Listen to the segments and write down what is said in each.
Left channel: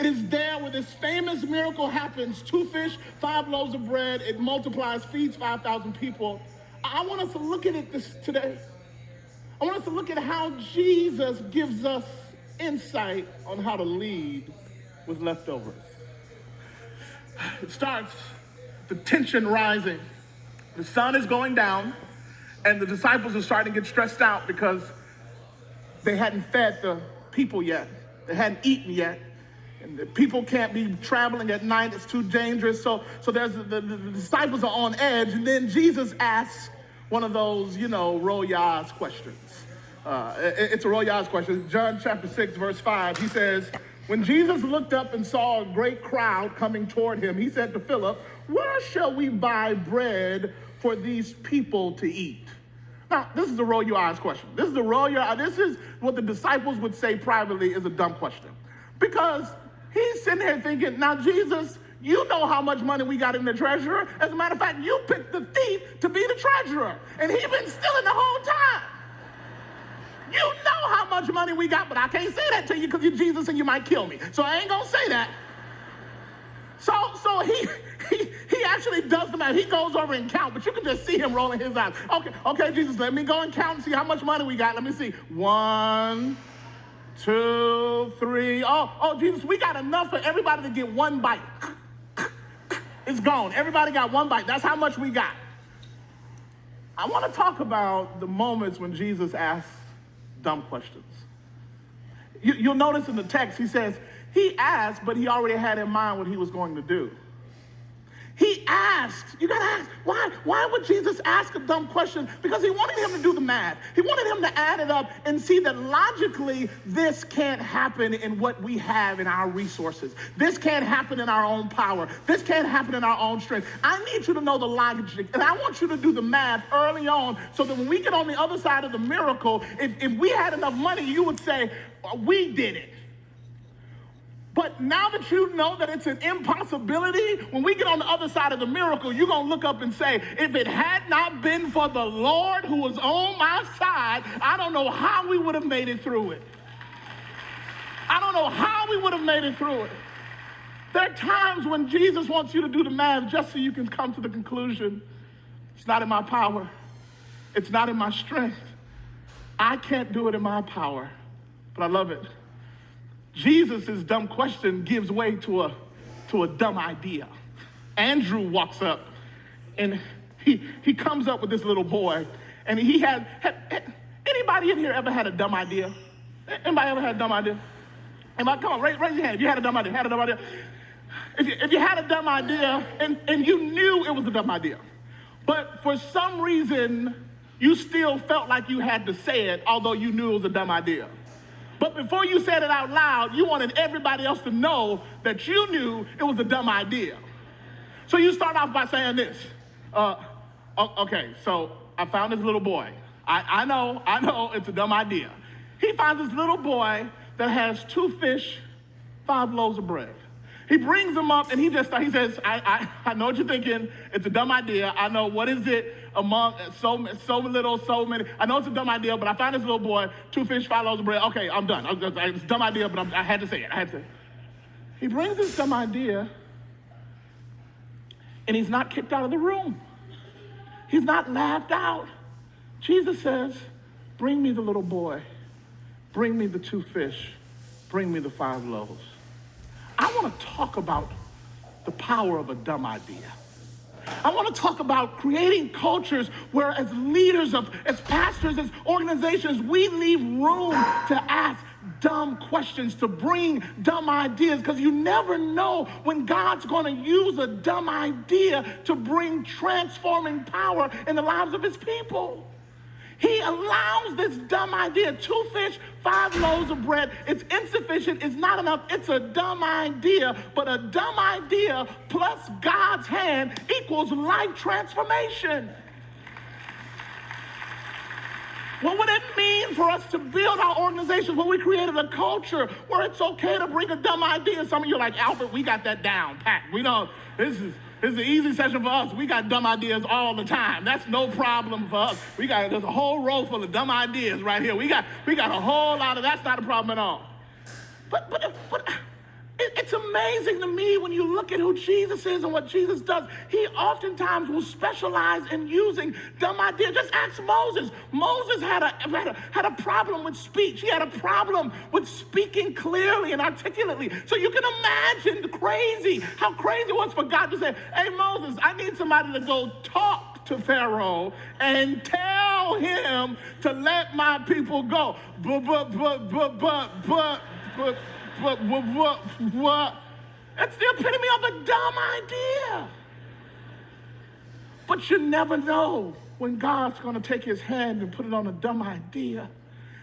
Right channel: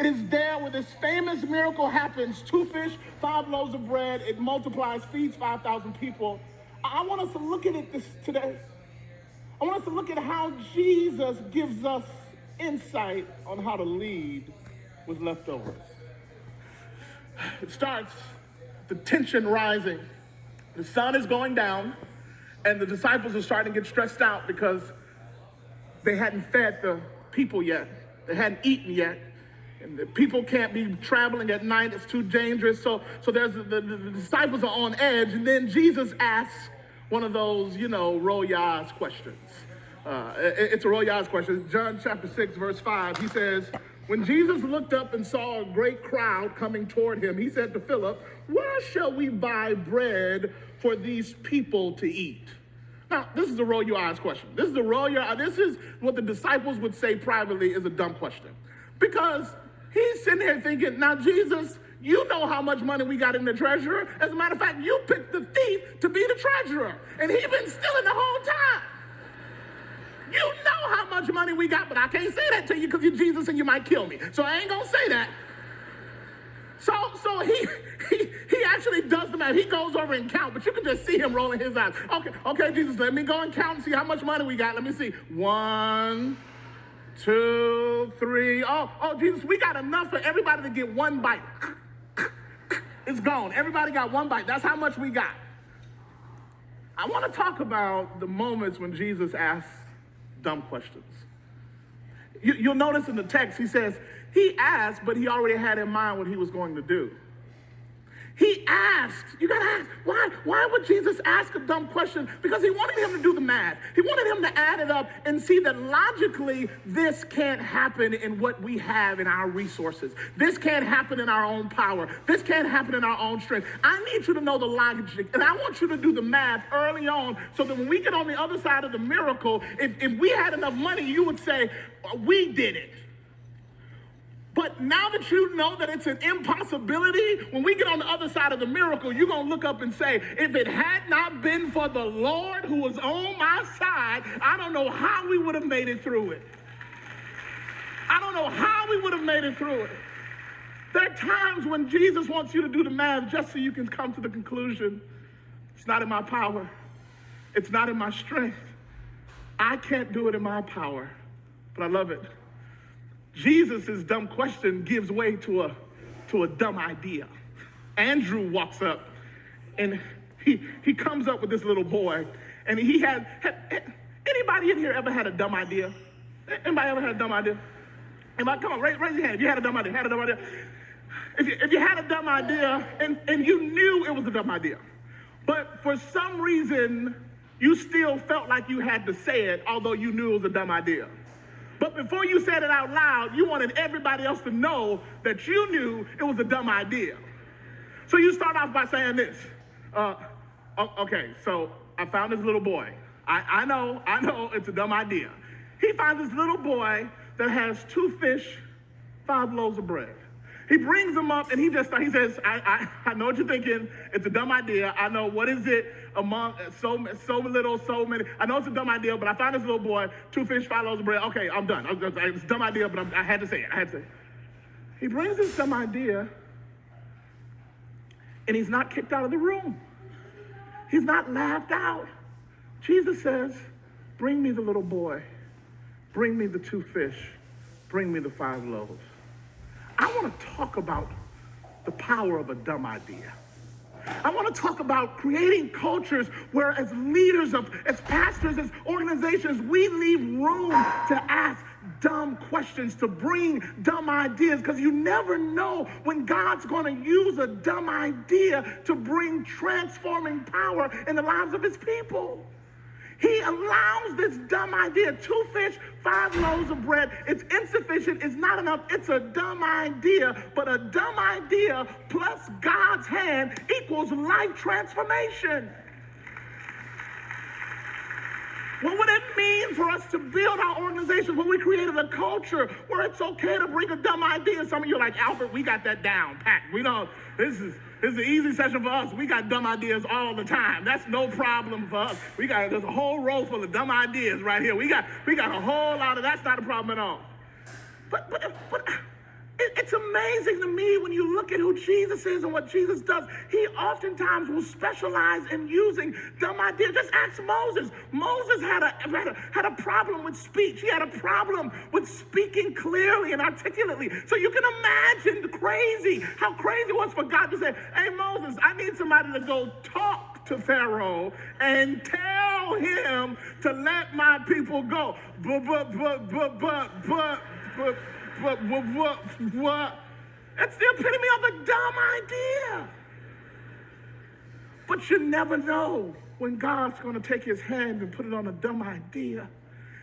It is there where this famous miracle happens. 2 fish, 5 loaves of bread. It multiplies, feeds 5,000 people. I want us to look at it today. I want us to look at how Jesus gives us insight on how to lead with leftovers. It starts, the tension rising. The sun is going down, and the disciples are starting to get stressed out because they hadn't fed the people yet. They hadn't eaten yet. And the people can't be traveling at night. It's too dangerous. So there's the disciples are on edge. And then Jesus asks one of those, roll your eyes questions. It's a roll your eyes question. John chapter 6, verse 5, he says, when Jesus looked up and saw a great crowd coming toward him, he said to Philip, where shall we buy bread for these people to eat? Now, this is a roll your eyes question. This is what the disciples would say privately is a dumb question. Because he's sitting here thinking, now, Jesus, you know how much money we got in the treasurer. As a matter of fact, you picked the thief to be the treasurer. And he's been stealing the whole time. You know how much money we got, but I can't say that to you because you're Jesus and you might kill me. So I ain't going to say that. So he actually does the math. He goes over and counts, but you can just see him rolling his eyes. Okay, Jesus, let me go and count and see how much money we got. Let me see. 1, 2, 3. Oh, Jesus, we got enough for everybody to get one bite. It's gone. Everybody got one bite. That's how much we got. I want to talk about the moments when Jesus asks dumb questions. You'll notice in the text, he says, he asked, but he already had in mind what he was going to do. He asked, you gotta ask, why would Jesus ask a dumb question? Because he wanted him to do the math. He wanted him to add it up and see that logically this can't happen in what we have in our resources. This can't happen in our own power. This can't happen in our own strength. I need you to know the logic, and I want you to do the math early on so that when we get on the other side of the miracle, if we had enough money, you would say, we did it. But now that you know that it's an impossibility, when we get on the other side of the miracle, you're going to look up and say, if it had not been for the Lord who was on my side, I don't know how we would have made it through it. I don't know how we would have made it through it. There are times when Jesus wants you to do the math just so you can come to the conclusion, it's not in my power. It's not in my strength. I can't do it in my power, but I love it. Jesus' dumb question gives way to a dumb idea. Andrew walks up and he comes up with this little boy, and he had anybody in here ever had a dumb idea? Anybody ever had a dumb idea? Anybody, come on, raise your hand if you had a dumb idea. If you had a dumb idea and you knew it was a dumb idea, but for some reason you still felt like you had to say it, although you knew it was a dumb idea. But before you said it out loud, you wanted everybody else to know that you knew it was a dumb idea. So you start off by saying this. Okay, so I found this little boy. I know it's a dumb idea. He finds this little boy that has 2 fish, 5 loaves of bread. He brings them up and he says, I know what you're thinking. It's a dumb idea. I know, what is it among so little, so many. I know it's a dumb idea, but I found this little boy, 2 fish, 5 loaves of bread. Okay, I'm done. It's a dumb idea, but I had to say it. He brings this dumb idea and he's not kicked out of the room. He's not laughed out. Jesus says, bring me the little boy. Bring me the 2 fish. Bring me the 5 loaves. I want to talk about the power of a dumb idea. I want to talk about creating cultures where as leaders, as pastors, as organizations, we leave room to ask dumb questions, to bring dumb ideas, because you never know when God's going to use a dumb idea to bring transforming power in the lives of his people. He allows this dumb idea, 2 fish, 5 loaves of bread. It's insufficient, it's not enough, it's a dumb idea. But a dumb idea plus God's hand equals life transformation. What would it mean for us to build our organizations where we created a culture where it's okay to bring a dumb idea? Some of you are like, Albert, we got that down pat. We know this is an easy session for us. We got dumb ideas all the time. That's no problem for us. There's a whole row full of dumb ideas right here. We got a whole lot of, that's not a problem at all. But it's it's amazing to me when you look at who Jesus is and what Jesus does. He oftentimes will specialize in using dumb ideas. Just ask Moses. Moses had a problem with speech. He had a problem with speaking clearly and articulately. So you can imagine how crazy it was for God to say, hey, Moses, I need somebody to go talk to Pharaoh and tell him to let my people go. But, what? That's the epitome of a dumb idea. But you never know when God's going to take his hand and put it on a dumb idea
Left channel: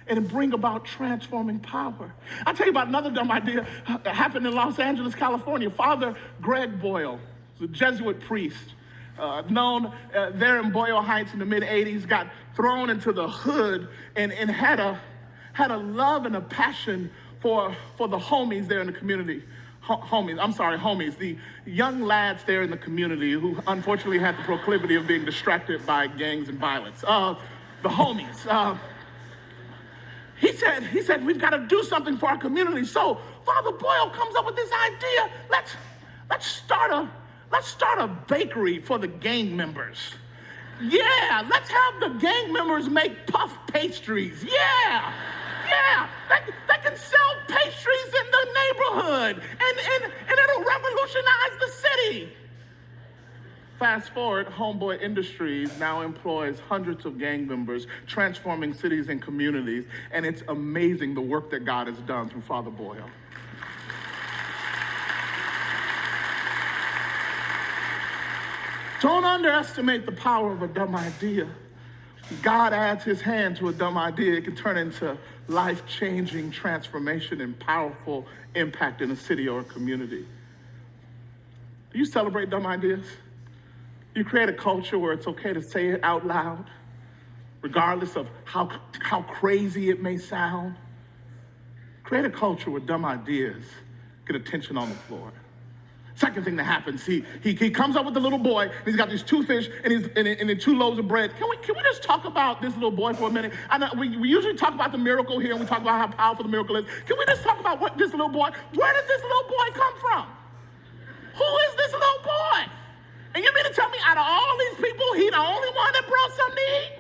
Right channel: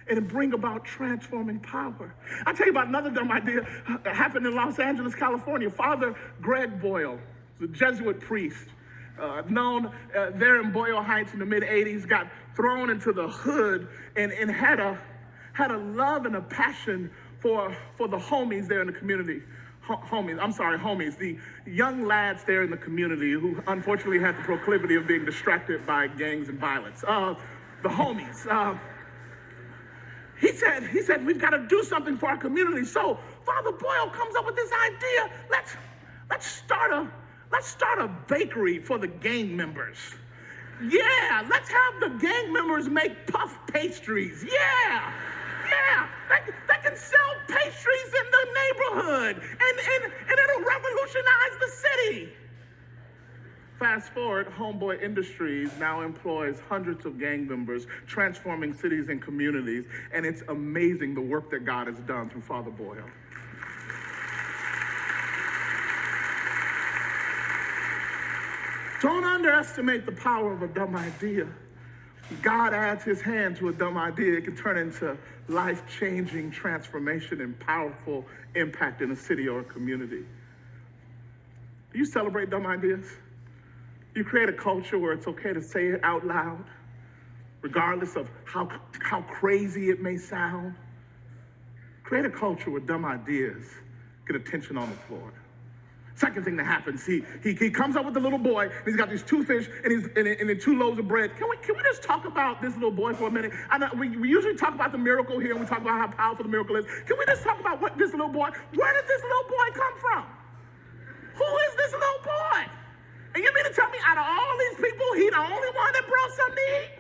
and bring about transforming power. I'll tell you about another dumb idea that happened in Los Angeles, California. Father Greg Boyle, the Jesuit priest, known there in Boyle Heights in the mid-'80s, got thrown into the hood and had a love and a passion for the homies there in the community. Homies, the young lads there in the community who unfortunately had the proclivity of being distracted by gangs and violence. The homies. He said, we've got to do something for our community. So Father Boyle comes up with this idea. Let's start a bakery for the gang members. Yeah, let's have the gang members make puff pastries. Yeah. They can sell pastries in the neighborhood, and it'll revolutionize the city. Fast forward, Homeboy Industries now employs hundreds of gang members, transforming cities and communities, and it's amazing the work that God has done through Father Boyle. Don't underestimate the power of a dumb idea. God adds his hand to a dumb idea, it can turn into life-changing transformation and powerful impact in a city or a community. Do you celebrate dumb ideas? You create a culture where it's okay to say it out loud, regardless of how crazy it may sound. Create a culture where dumb ideas get attention on the floor. Second thing that happens, he comes up with the little boy, and he's got these 2 fish and 2 loaves of bread. Can we just talk about this little boy for a minute? I know we usually talk about the miracle here, and we talk about how powerful the miracle is. Can we just talk about where did this little boy come from? Who is this little boy? And you mean to tell me out of all these people, he the only one that brought something to eat?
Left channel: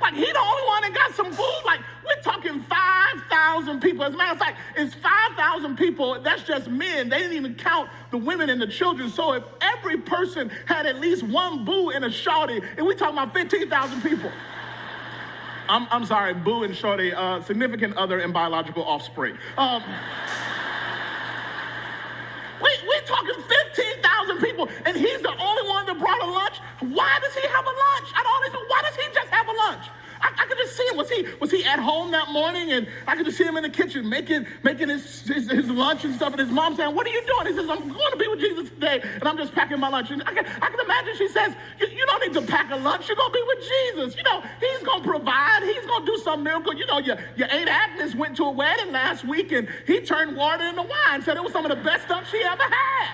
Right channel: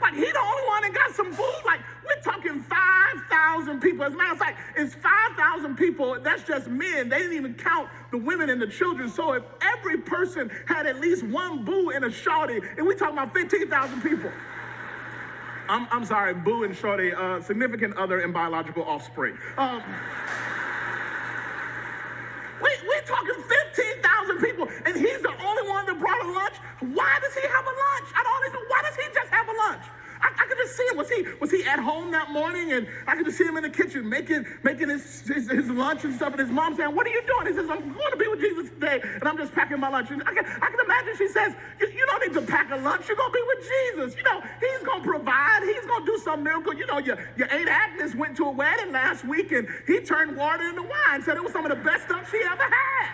Like, he the only one that got some food? Like, we're talking 5,000 people. As a matter of fact, it's 5,000 people. That's just men. They didn't even count the women and the children. So if every person had at least one boo and a shorty, and we're talking about 15,000 people. I'm sorry, boo and shorty, significant other and biological offspring. We're talking 15,000 people, and he's the only one that brought a lunch. Why does he have a lunch? Why does he just have a lunch? I could just see him. Was he at home that morning? And I could just see him in the kitchen making his lunch and stuff. And his mom saying, "What are you doing?" He says, "I'm going to be with Jesus today, and I'm just packing my lunch." And I can imagine she says, "You don't need to pack a lunch. You're going to be with Jesus. You know, he's going to provide. He's going to do some miracle. You know, your Aunt Agnes went to a wedding last week, and he turned water into wine. Said it was some of the best stuff she ever had.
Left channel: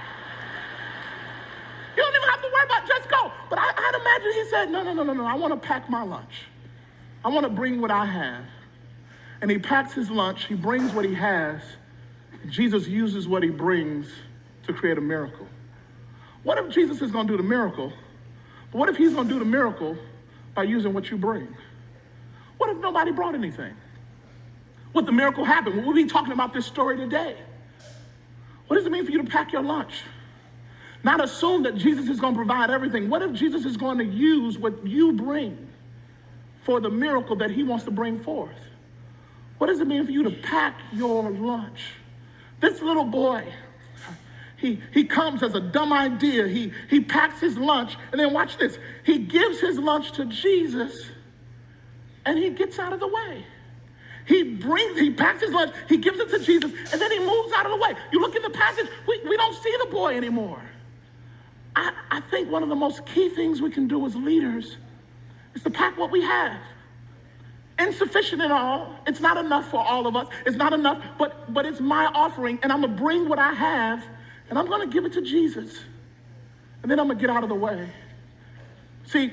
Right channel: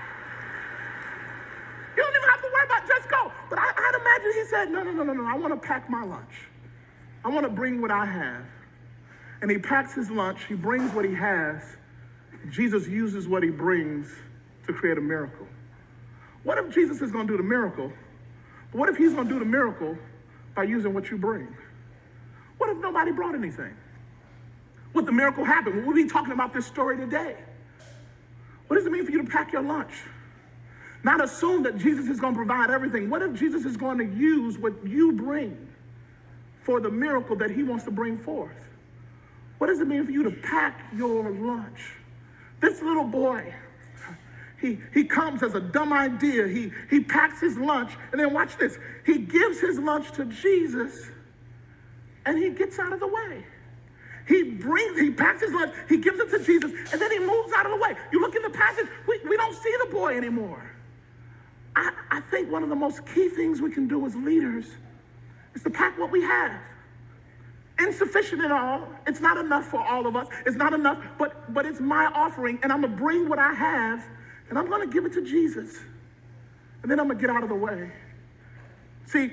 You don't even have to worry about just go." But I'd imagine he said, no, I want to pack my lunch. I want to bring what I have. And he packs his lunch, he brings what he has. Jesus uses what he brings to create a miracle. What if Jesus is going to do the miracle? But what if he's going to do the miracle by using what you bring? What if nobody brought anything? What the miracle happened? We'll be talking about this story today. What does it mean for you to pack your lunch? Not assume that Jesus is going to provide everything. What if Jesus is going to use what you bring for the miracle that he wants to bring forth? What does it mean for you to pack your lunch? This little boy, he comes as a dumb idea. He packs his lunch, and then watch this. He gives his lunch to Jesus, and he gets out of the way. He packs his lunch, he gives it to Jesus, and then he moves out of the way. You look in the passage, we don't see the boy anymore. I think one of the most key things we can do as leaders is to pack what we have. Insufficient at all. It's not enough for all of us. It's not enough, but it's my offering, and I'm going to bring what I have, and I'm going to give it to Jesus. And then I'm going to get out of the way. See,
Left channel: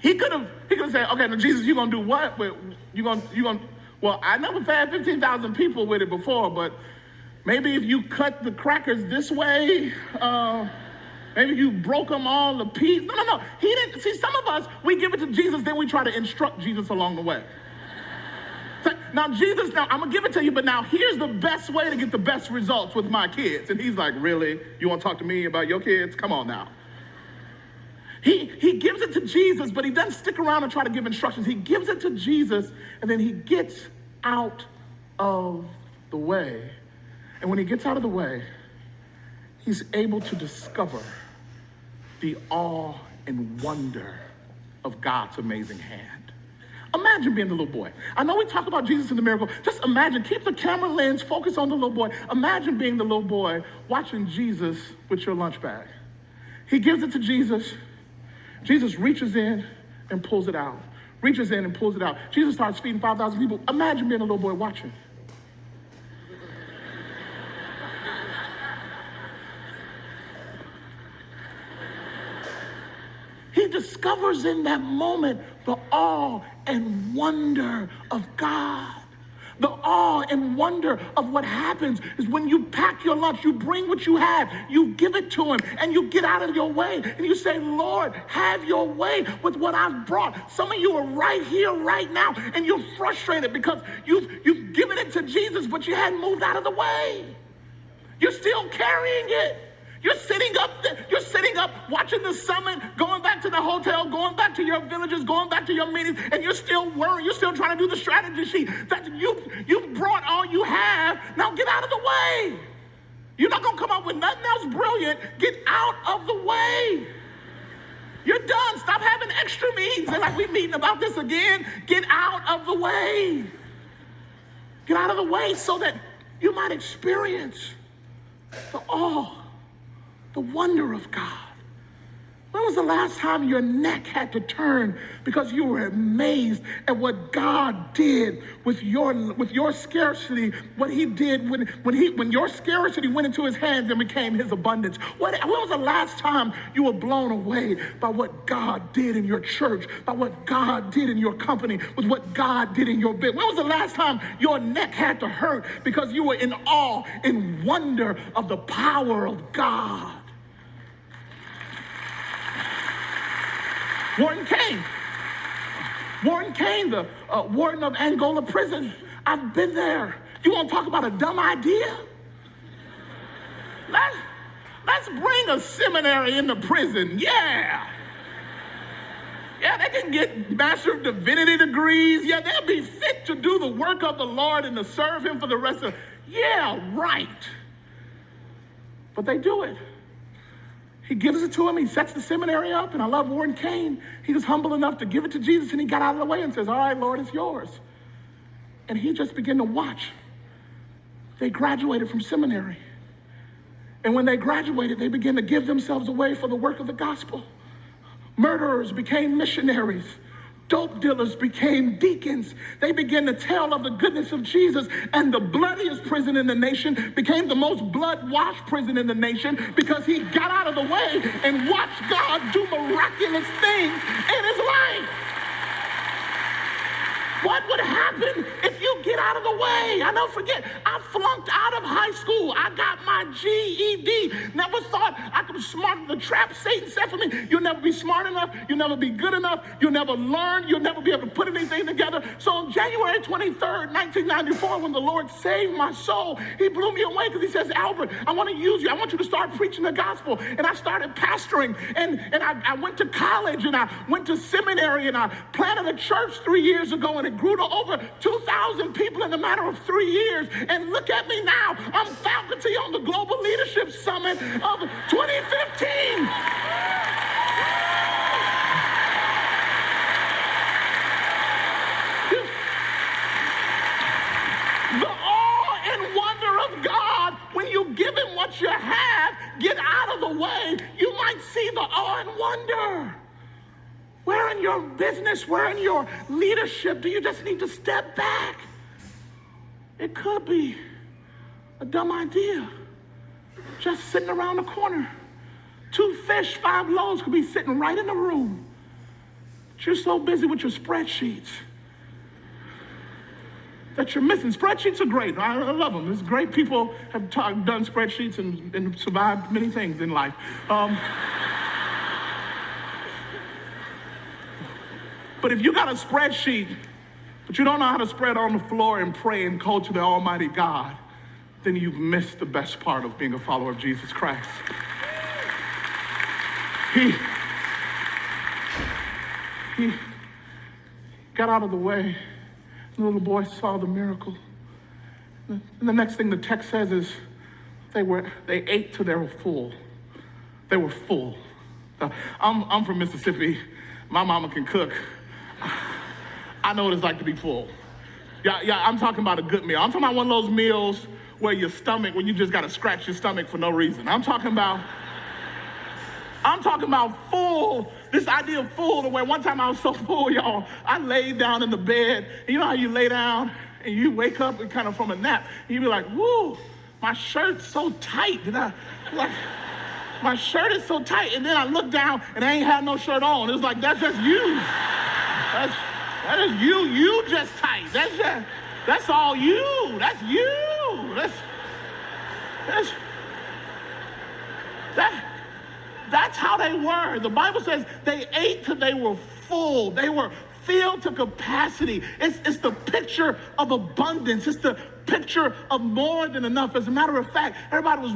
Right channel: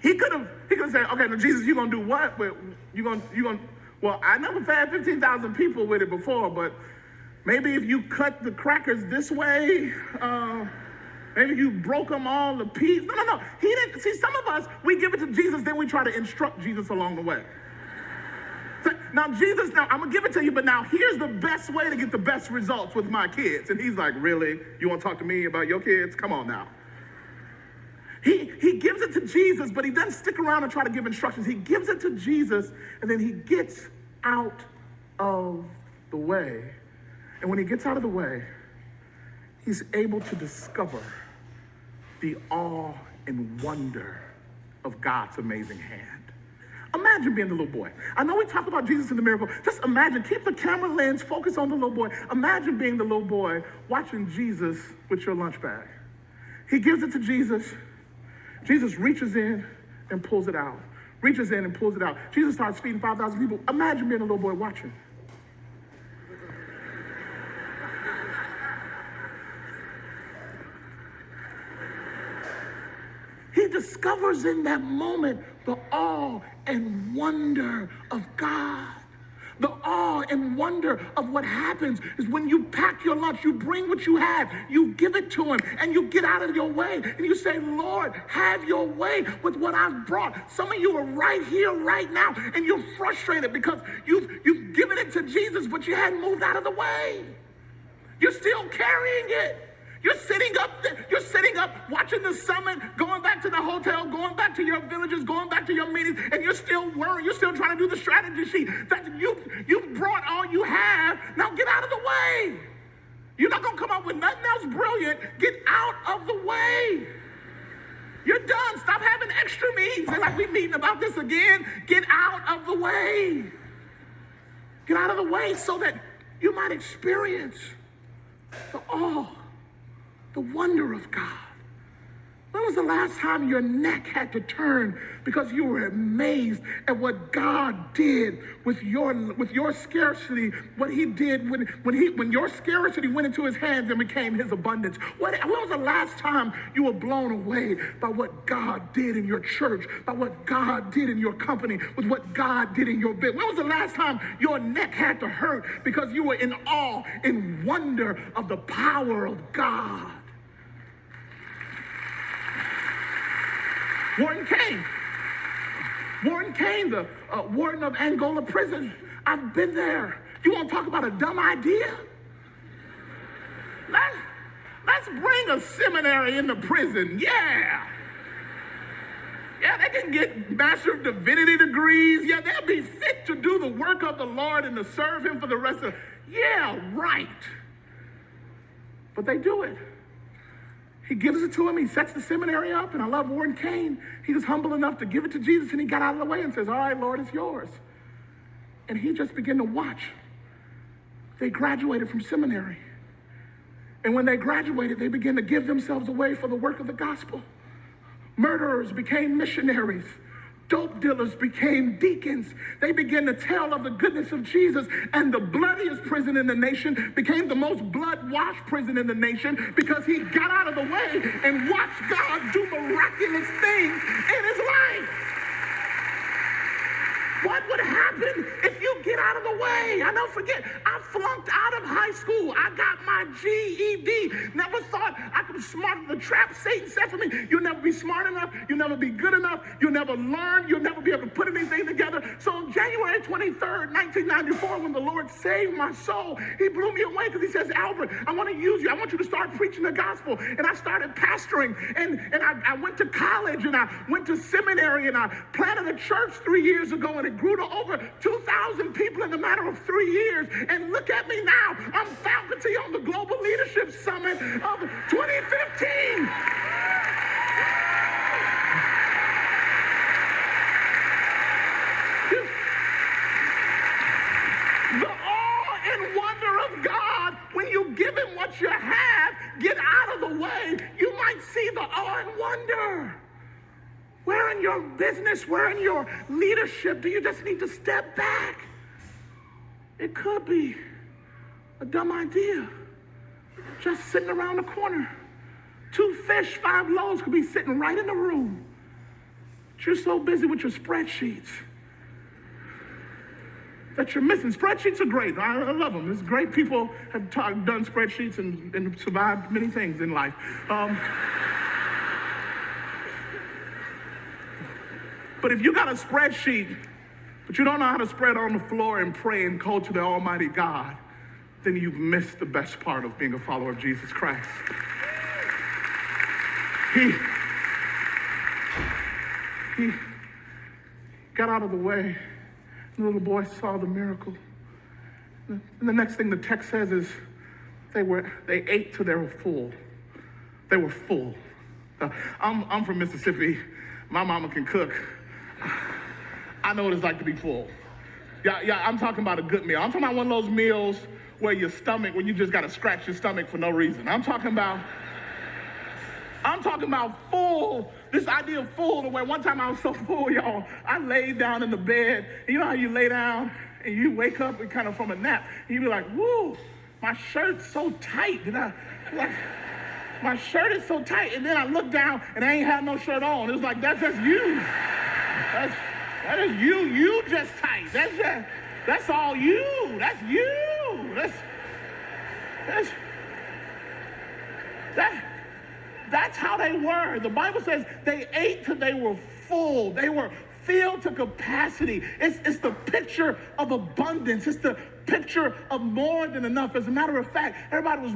he could have said, "Okay, now Jesus, you're going to do what? Well, I never fed 15,000 people with it before, but maybe if you cut the crackers this way, maybe you broke them all to pieces. No. He didn't. See, some of us, we give it to Jesus, then we try to instruct Jesus along the way. Now, Jesus, I'm going to give it to you, but now here's the best way to get the best results with my kids. And he's like, really? You want to talk to me about your kids? Come on now. He gives it to Jesus, but he doesn't stick around and try to give instructions. He gives it to Jesus, and then he gets out of the way. And when he gets out of the way, he's able to discover the awe and wonder of God's amazing hand. Imagine being the little boy. I know we talk about Jesus and the miracle. Just imagine, keep the camera lens focused on the little boy. Imagine being the little boy watching Jesus with your lunch bag. He gives it to Jesus. Jesus reaches in and pulls it out. Reaches in and pulls it out. Jesus starts feeding 5,000 people. Imagine being a little boy watching. He discovers in that moment the awe and wonder of God. The awe and wonder of what happens is when you pack your lunch, you bring what you have, you give it to him, and you get out of your way, and you say, Lord, have your way with what I've brought. Some of you are right here, right now, and you're frustrated because you've given it to Jesus, but you hadn't moved out of the way. You're still carrying it. You're sitting up watching the summit, going back to the hotel, going back to your villages, going back to your meetings, and you're still worried. You're still trying to do the strategy sheet. That you've brought all you have. Now get out of the way. You're not going to come up with nothing else brilliant. Get out of the way. You're done. Stop having extra meetings. They're like, we're meeting about this again. Get out of the way. Get out of the way so that you might experience the awe, the wonder of God. When was the last time your neck had to turn because you were amazed at what God did with your scarcity, what he did when your scarcity went into his hands and became his abundance? When was the last time you were blown away by what God did in your church, by what God did in your company, with what God did in your business? When was the last time your neck had to hurt because you were in awe and wonder of the power of God? Warren Kane, the warden of Angola prison. I've been there. You want to talk about a dumb idea? Let's bring a seminary into prison. Yeah, they can get Master of Divinity degrees. Yeah, they'll be fit to do the work of the Lord and to serve him for the rest of. Yeah, right. But they do it. He gives it to him. He sets the seminary up. And I love Warren Kane. He was humble enough to give it to Jesus, and he got out of the way and says, all right, Lord, it's yours. And he just began to watch. They graduated from seminary. And when they graduated, they began to give themselves away for the work of the gospel. Murderers became missionaries. Dope dealers became deacons. They began to tell of the goodness of Jesus, and the bloodiest prison in the nation became the most blood-washed prison in the nation because he got out of the way and watched God do miraculous things in his life. What would happen if you get out of the way? I don't forget, I flunked out of high school. I got my GED. Never thought I could be smart. The trap Satan set for me. You'll never be smart enough. You'll never be good enough. You'll never learn. You'll never be able to put anything together. So on January 23rd, 1994, when the Lord saved my soul, he blew me away because he says, Albert, I want to use you. I want you to start preaching the gospel. And I started pastoring. And I went to college, and I went to seminary, and I planted a church 3 years ago, and it grew to over 2,000 people in a matter of 3 years. And look at me now. I'm faculty on the Global Leadership Summit of 2015. The awe and wonder of God, when you give him what you have, get out of the way, you might see the awe and wonder. Where in your business, where in your leadership do you just need to step back? It could be a dumb idea. Just sitting around the corner. 2 fish, 5 loaves could be sitting right in the room. But you're so busy with your spreadsheets. that you're missing. Spreadsheets are great. I love them. It's great. People have done spreadsheets and survived many things in life. But if you got a spreadsheet, but you don't know how to spread on the floor and pray and call to the Almighty God, then you've missed the best part of being a follower of Jesus Christ. He got out of the way. The little boy saw the miracle. And the next thing the text says is they ate till they were full. They were full. I'm from Mississippi. My mama can cook. I know what it's like to be full. Yeah, I'm talking about a good meal. I'm talking about one of those meals where your stomach, when you just got to scratch your stomach for no reason. I'm talking about full, this idea of full, where one time I was so full, y'all, I laid down in the bed. And you know how you lay down and you wake up kind of from a nap, and you be like, woo, my shirt's so tight. My shirt is so tight. And then I look down and I ain't had no shirt on. It's like, that's just you. That is you. You just tight. That's all you. That's you. That's how they were. The Bible says they ate till they were full. They were filled to capacity. It's the picture of abundance. It's the picture of more than enough. As a matter of fact, everybody was